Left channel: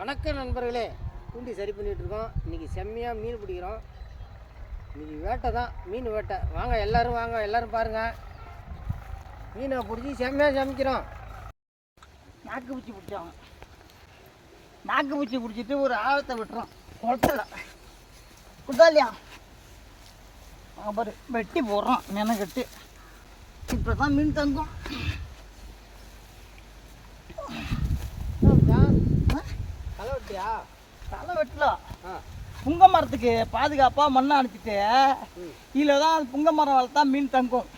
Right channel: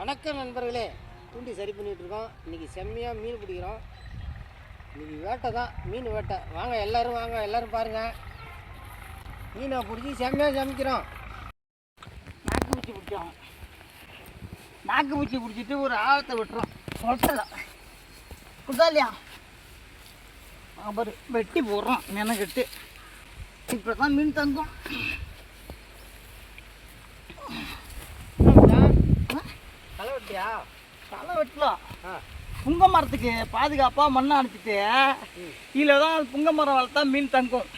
வணக்கம் நண்பர்களே. தூண்டி சரி பண்ணிகிட்ருக்கோம் இன்றைக்கி இன்னைக்கு செம்மையாக மீன் பிடிக்கிறோம். இன்னைக்கு வேட்டை தான் மீன் வேட்டை. வாங்க எல்லாரும் வாங்க எல்லோரும் பாருங்கள் மீனை பிடிச்சி செம்மையாக சமைக்கிறோம். மாக்கு பூச்சி பிடிச்சோம். மாக்கு பூச்சி பிடிச்சிட்டு ஒரு ஆழத்தை விட்டுறோம். சொல்ல குதாலியா அப்புறம் வெட்டி போடுறோம் நினைக்கிட்டு இப்போ தான் மீன் தந்தோம் களை வெட்டியா தலை வெட்டலாம் புங்க மரத்துக்கு பாதுகாப்பாக மண்ணை அனுப்பிச்சிட்டு ம். கீழே தான் புங்க மரம் வளர்த்தா மீன் தங்கும்.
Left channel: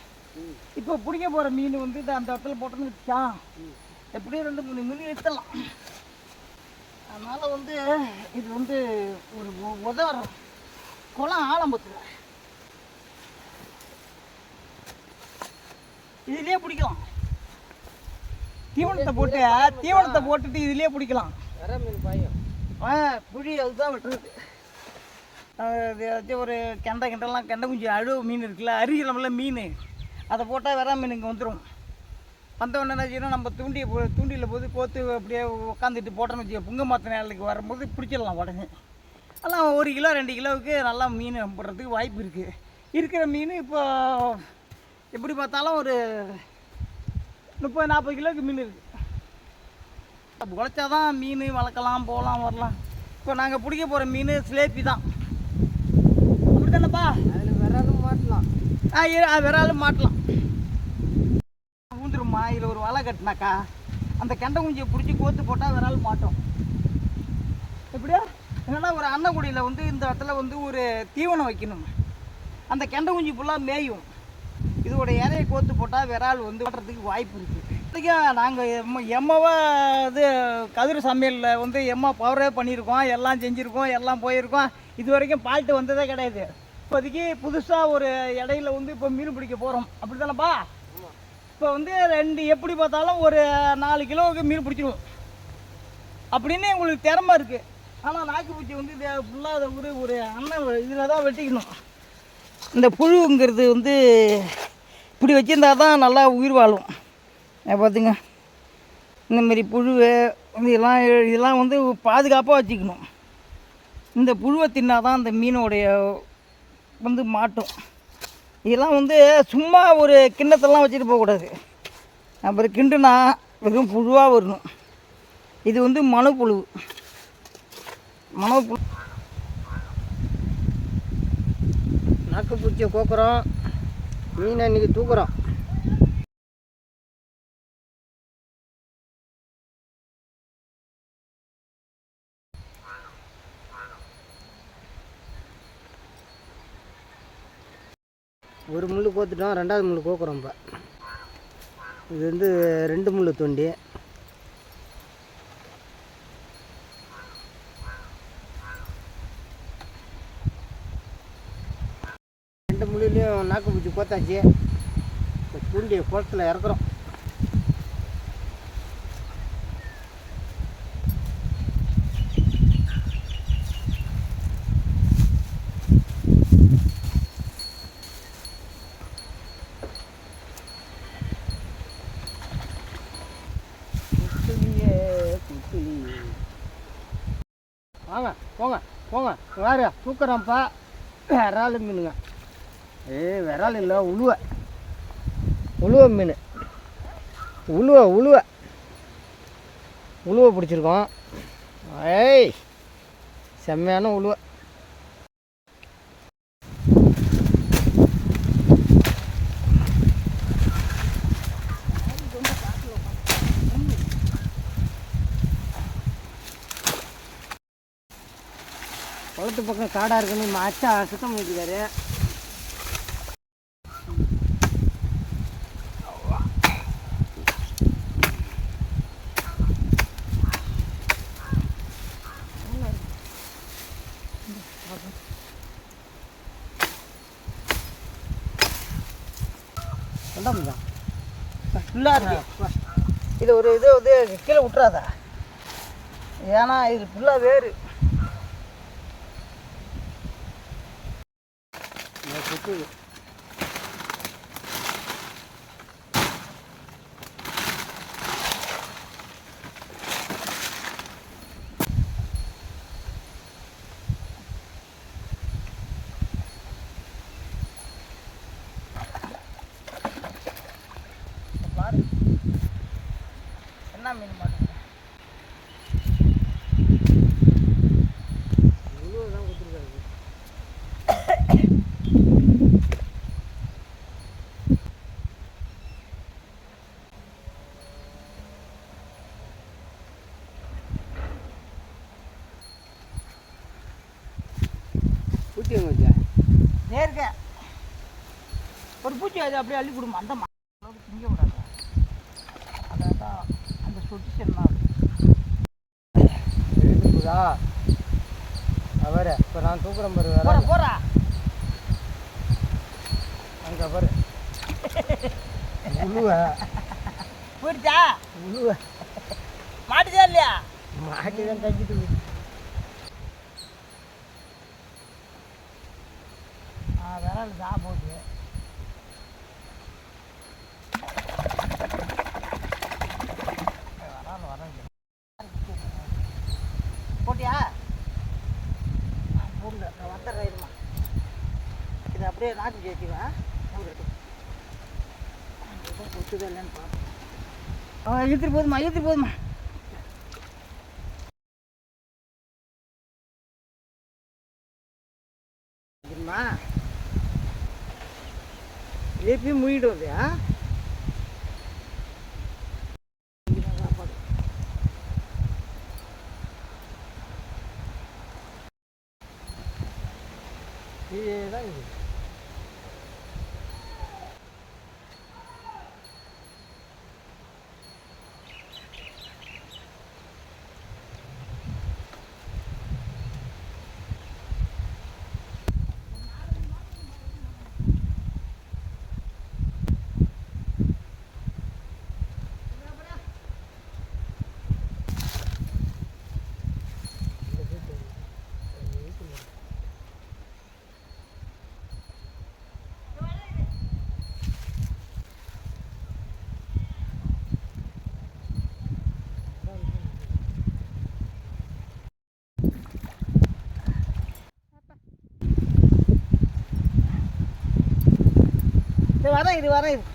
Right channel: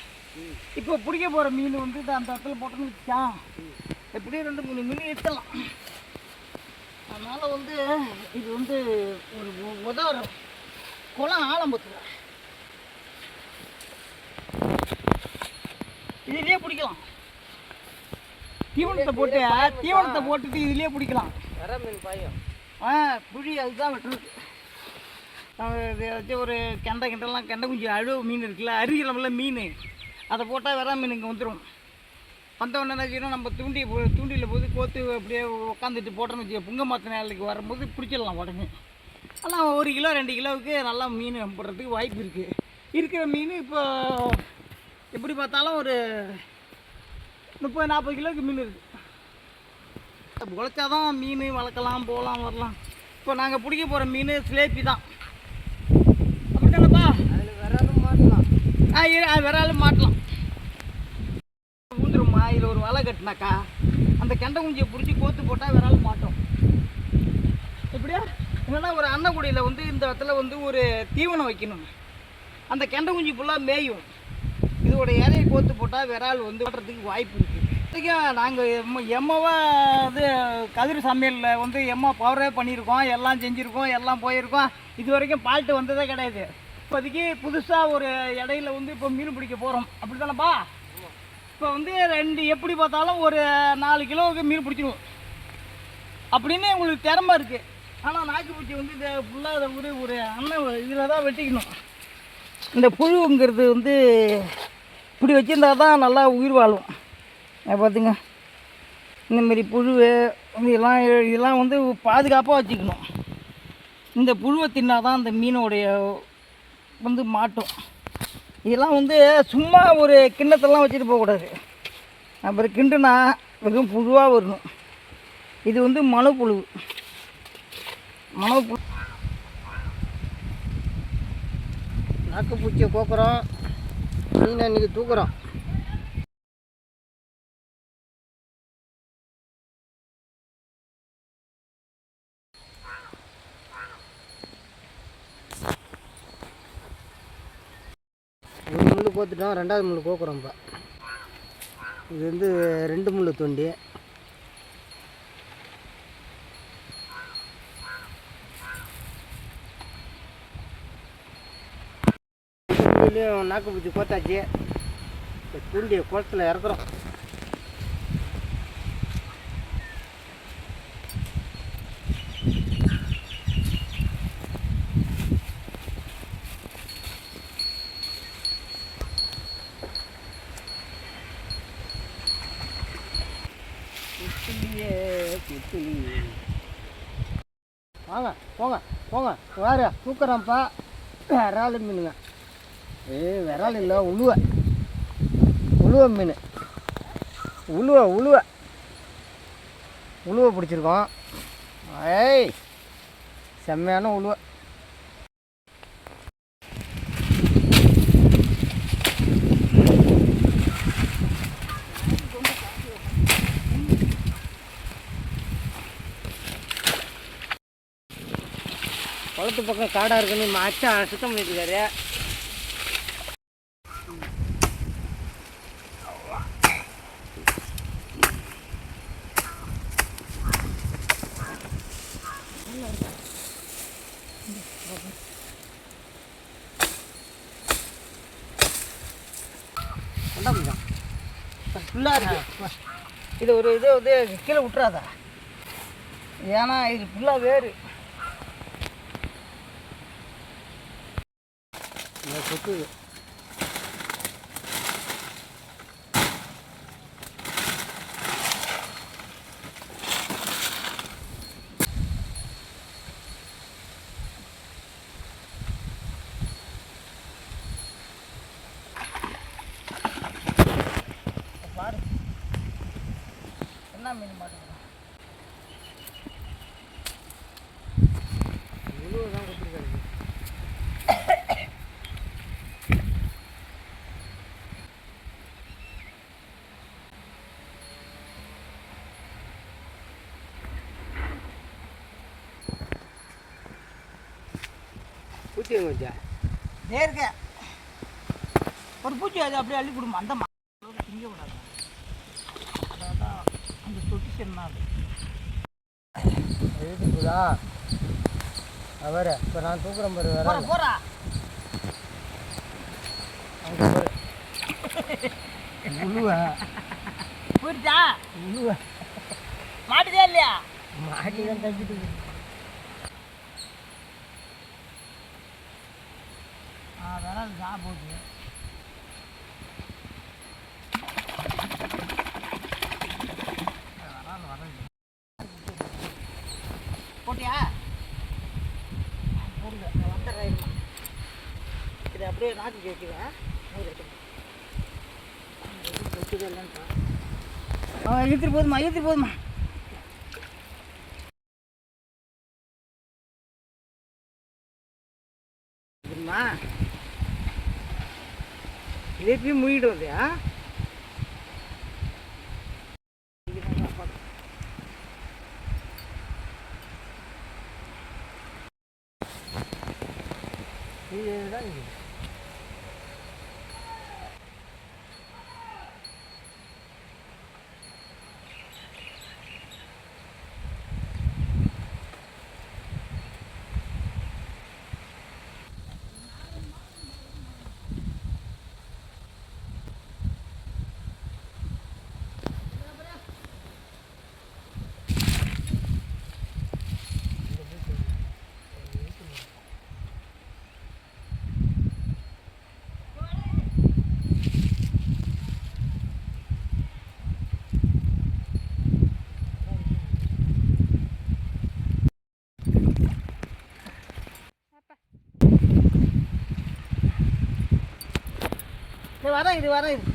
இப்போ பிடிக்க போகிற மீன் வந்து அந்த இடத்துல போட்டோன்னு வச்சான். எப்படியும் ரெண்டு மூணு மீன் எடுத்துடலாம் அதனால் வந்து இது வந்து ஒரு உ- உதவுற குளம் ஆலம்பத்துல இதுலயே பிடிக்கலாம். தீவனத்தை போட்டு தீவனத்தை போட்டுட்டு இதுலயே பிடிக்கலாம். வர மீன் பாயும் ஆ புளி அதுதான் விட்டுருக்கு. ஏதாச்சும் ஒரு கெண்டை கிண்டெல்லாம் கெண்டை குஞ்சு அழுவு மீன் இருக்குல்ல அரிக்கிறோம்ல மீன். அதை போட்டால் வெறா மீன் இங்கே வந்துடும் வந்தவொடனே என்ன செய்யணும் நம்ம தூண்டி போ- தூண்டியில் போது கோத்து அப்படியே உட்காந்துட்டு போட்டோன்னு வச்சுக்கோ புங்க மாத்த நேரத்துக்கு வரும்போது பிடிச்சிடலாம் உடனே. அதெல்லாம் ஒரு கிலோ ரெண்டு கிலோவுக்கு நல்லா மீன் போடுறதுக்கு வாய்ப்பு இருக்குது இருக்கிற மீன் இப்போ எப்படி பார்த்தாலும் ஒரு முப்பது நாற்பது கிலோவுக்கு மீன் இருக்குது உழைச்சாதான் மீன் வளர்க்கலாம் போகலாம் வரலாம். இப்போ நாங்கள் பிடிக்க போகிற மீன் சிலேப்பி தான். அப்படித்தானப்பா அதில் விரலும் மாட்டலாம். ஆ விராலும் மாட்டலாம். ஊந்துருமா இதில் ஒரு வலை கட்டினாக்கா அந்த கெண்டை குஞ்சியை பிடிச்சி கோத்து போட்டால் விரால் மாட்டோம். எப்படியா? என்னன்னா ஒரு அன்னக்குடியில் வந்து இந்த இடத்துல வந்து ஒரு தீவனம் வைக்கணும். அந்த கெண்டை குஞ்சு ஃபுல்லாக மேயும். இதோட இலையை கோத்து போட்டால் விரால் வந்து மாட்டுறதுக்கு வாய்ப்பு இருக்குது நாங்கள் எம் எம்மவா இது கதிர் சமையலில் வந்து எம்மா பவரே பண்ணியிருக்கோம் எல்லாம் செஞ்சுருக்கோம் எல்லாம் போயிருக்கோம். இது வரைக்கும் பால்ட்டு வந்ததே கிடையாது. இப்போதைக்கு புதுசாக ஒரு இடையில வந்து இப்போ மீன் பிடிக்க போகிறோம் அப்படி தானேப்பா இப்போ வந்து ரெண்டு எப்படி பார்த்தாலும் ஒரு நாலு கிலோவுக்கு மீன் பிடிச்சிடுவோம் அப்படின்னு உங்களுக்கு திறமை இருக்குது ஆனால் நாக்குப்பூச்சி வந்து இதை ஃபுல்லாக இதை ஒரு ஒரு அண்ணன் இதில் தான் வெட்டிக்கணும். இந்த புழுங்கிறது வந்து இப்படி வச்சுருந்தா தான் நல்லா உயிர் வாழும். பார்த்துங்க இந்தமாரி புழு இதெல்லாம் இதெல்லாம் வந்து பாதுகாப்பாக வச்சுக்கணும். இந்த புழுவை தின்னா தான் அந்த மீனோடைய வந்து மாட்டும். இதெல்லாம் வந்து சும்மா ஒரு கிண்ணத்தெல்லாம் வச்சுட்டு போகக்கூடாது. அப்புறம் கிண்டுனா வெறும் புழுவாக வரணும். இது வந்து மனப்புழு மனப்புழு நாக்குப்பூச்சியை கோக்குறோம். மீனை இன்னைக்கு தூக்குறோம். ஒரு முள் கோத்துட்டோம் ரெண்டாவது முள் கோக்குறோம் இப்போ. இது வந்து ரெண்டு முள் தூண்டி. நாக்குப்பூச்சி நாக்கு பூச்சி கோத்தாச்சு. இப்போ தூண்டியை குளத்தில் இறக்குறோம். வாங்க போங்க போங்க. வேறு தூக்குறோம்ப்பா விரால் மீனுங்க. ஏ விரால் இல்லை உழுவ. உழுவ மீன். உழுவ உழுவ. உழுவ பிடிச்சிருக்கோம். ஏய் செம்மையான உழுவ. ரோட்டு பக்கம் காடாக இருக்குன்னு அச்சா சுத்தம் பண்ணிட்டு இருக்காரு ஃபுல்லாக இருக்கு. இது ஒரு இது வந்து கீழே விட்டுறாதா. ஏன்னா இது ஃபுல்லாக வேறு. இருக்கு. என்ன மீன் மாட்டேங்க ஊற்றி ஊற்றியா நேர்க. ஒரு பூச்சி அது அப்படியே அள்ளி கொடுமா. அந்த அளவுக்கு திங்க விடாது. அதான் அந்த தான் எடுத்துக்குதா அவரை இப்போ நான் தூக்குறேன் பாரு போற வர போறா. அங்கே பாரு. உழுவ. போயிடுச்சா? உழுவ. மாட்டுதா இல்லையா? மாட்டி தான் தப்பிட்டு ஆ தான் போகுது விரல் வரல் போட்டியா? போடல நான் வந்துடுறேன் இருமா. இதை அப்படியே நாக்கு கேட்குவேன் எதுவும் இல்லைன்னு பாரு. ஆ இழுத்துட்டு போதுமா இழுத்துட்டு போதுமா லேப்பி மூடிடும் இல்லையா இதுதான் இது இது வரேன் இது வரேன் இது